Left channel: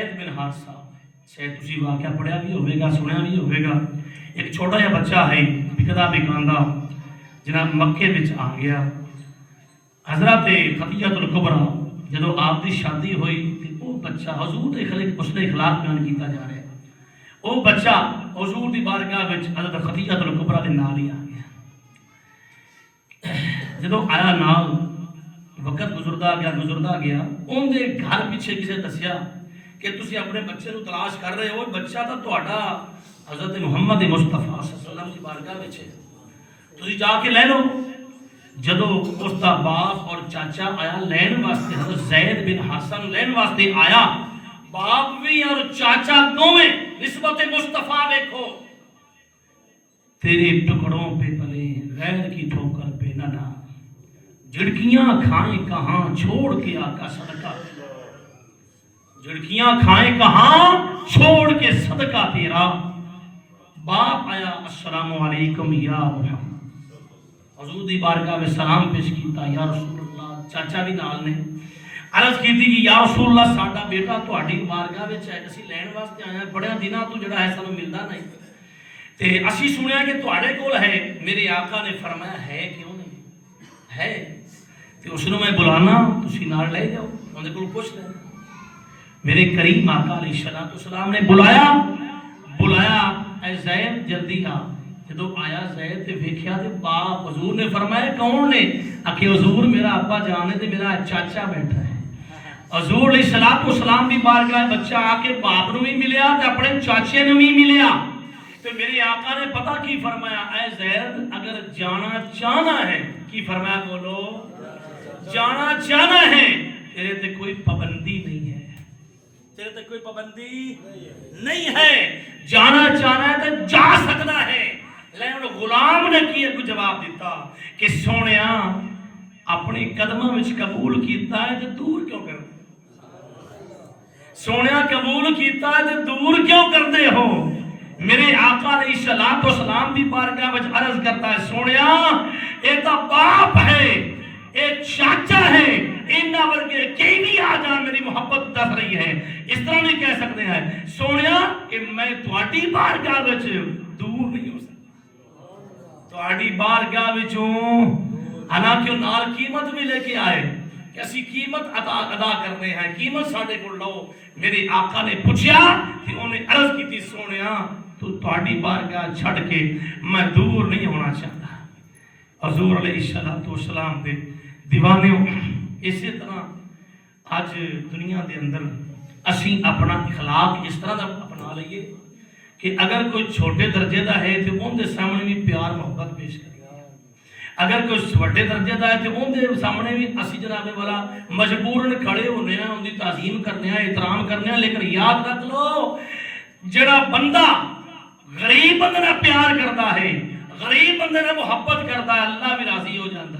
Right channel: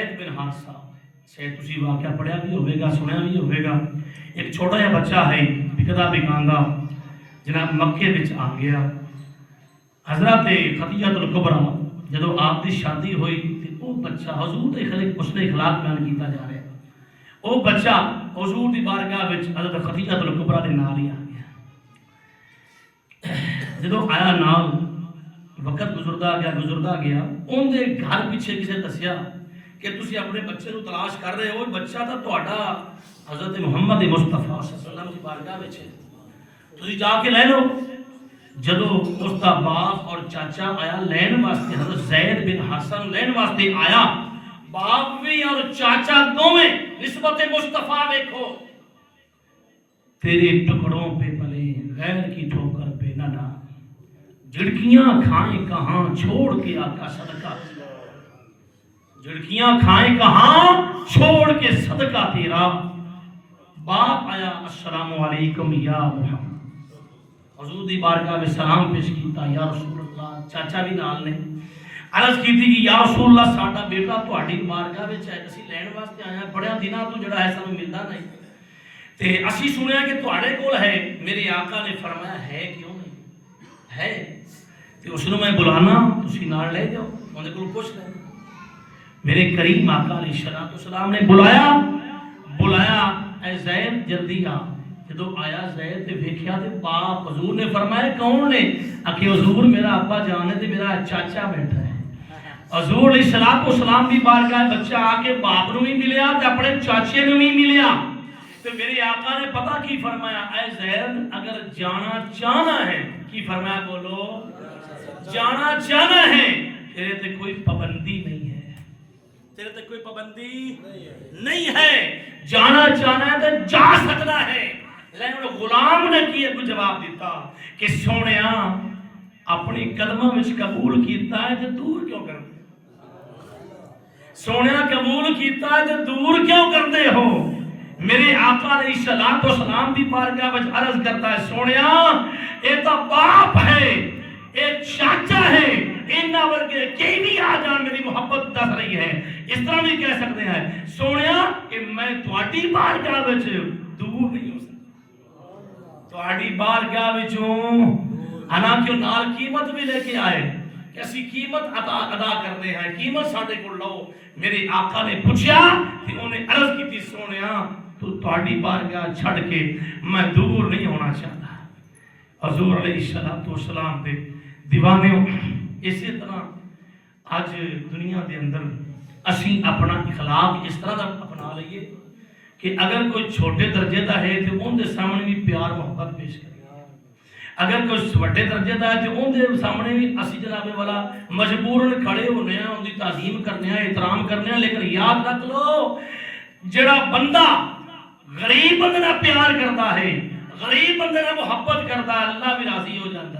زید بن حارثہ شاید تسی واقعہ پڑھیا بھی ہوئے گا سنیا بھی ہوئے گا. ایک چھوٹا جہا بچہ ہے بکدا بکاندا جناب مکے وچ آ گیا. حضرت خدیجہ الکبریٰ جدو آپ کی شادی ہوئی تو وہ بچہ حضور کے خلق اس نے اخلاق بیان کیتا جا رہا ہے. وہ بچہ حضور کی بارگاہ وچ حضرت خدیجہ الکبریٰ کے نال ہی آ گیا. جدو آیا نال وقت گزردا گیا ان دے گھر پیچھے کسی دسیا کہ تسی اپنے بچے نو تلاش کر رہے ہو, بچہ تو تہاڈا حضرت محمد مصطفیٰ صلی اللہ علیہ وسلم کی بارگاہ وچ ہے, تسی جا کے لے لو. جدو اس دا باپ اور چاچا آیا لین واسطے, حضرت زید بن حارثہ نو لین واسطے آیا, باپ بھی اور چاچا دونوں نسبت مصطفیٰ دیکھو, تیرے ٹکڑوں پہ پلے غیر کی ٹھوکر پہ نہ ڈال, جھڑکیاں کھائیں کہاں چھوڑ کے آقا صدقہ, جھڑکیاں کھائیں کہاں چھوڑ کے صدقہ تیرا. باپ آیا السلام علیکم یا محمد, حضور دی بارگاہ میں سلام پیش کیتا یا رسول اللہ. چاچا بھی نال نے عرض کیتی کہ یا رسول اللہ ساڈا بیٹا تہاڈی بارگاہ وچ ہے, اسی لین واسطے آیا, بڑے دناں تو جڑا ہے سانوں ملدا نہیں تے اسی سنیا کہ تہاڈے کول ہے. میرے آقا نے فرمایا ہے کیوں نہیں ہے, تے اس نو میں بلانا تسی نال لے جاؤ, اون کول پوچھ لے. میرے کریم آقا علیہ السلام نے بلایا اے زید جلدی آ. جدو آیا زید تے ویکھیا تے باپ حضور نے فرمایا کون نے, آکھے حضور میرا ابا جان ہے تے میرا چاچا بیٹھا ہے. حضور علیہ السلام بھی بارگاہ بچہ آ کے باپ نو بھی ملیا تے اپنے چاچے نو بھی ملیا. تے میرے آقا نے پتہ کی فرمایا, اے زید اگر جانا چاہنا ہے, کی فرمایا بولو, جانا چاہنا ہے, تیرے تے کوئی پابندی نہیں ہے, تیرے تے کوئی پابندی نہیں ہے, جانا چاہنا ہے تو جا سکتا ہے. لیکن غلام نے کی ایک جواب دیتا کہ سونیا اپنی قدموں میں قبول کیتا ہے تو دور کیوں کر دے, سونیا قبول کیتا ہے تو دور کیوں کر دے ہو. میرے آقا علیہ السلام بھی بارگاہ وچ عرض کرتا ہے سونیا اے تا باپ ہے, اے چاچا ہے, اینا ورگے کئی بھی آ جان میری محبت دس رہی ہے. اس طرح بھی کہہ سکتے ہیں سونیا کہ میں تہاڈی بارگاہ وچ دور نہیں ہو سکتا, تہاڈی بارگاہ وچوں حالانکہ نال قیمت بھی لے کے آئے کہ اسی قیمت ادا کرنے ہیں, قیمت ساڈے کول لو. میرے آقا نے پوچھا کہ انہیں عرض کی تھی سونیا تو تہاڈی بارگاہ چھڑ کے میں دور نہیں ہونا چاہتا. حضور علیہ السلام دے دیوانے. اسی طرح آج دنیا دے اندر اسی اپنا اخلاق اس طرح دا اپنا لئیے کہ اگر کوئی چھوٹے درجے دا ہے تو ان دے سامنے بھی پیار محبت پیش کریے, اگر کوئی چھوٹے درجے دا ہے تو ان دے سامنے بھی اسی جناب والا مجبوراً کھڑے ہونے ہیں, ان دی تعظیم کرنے ہیں, احترام کرنے ہیں. لیکن یاد رکھ لو جڑا بندہ غریب بندے نال پیار کرتا ہے, غریب بندے نال محبت کرتا ہے, اللہ بھی راضی ہو جاتا ہے.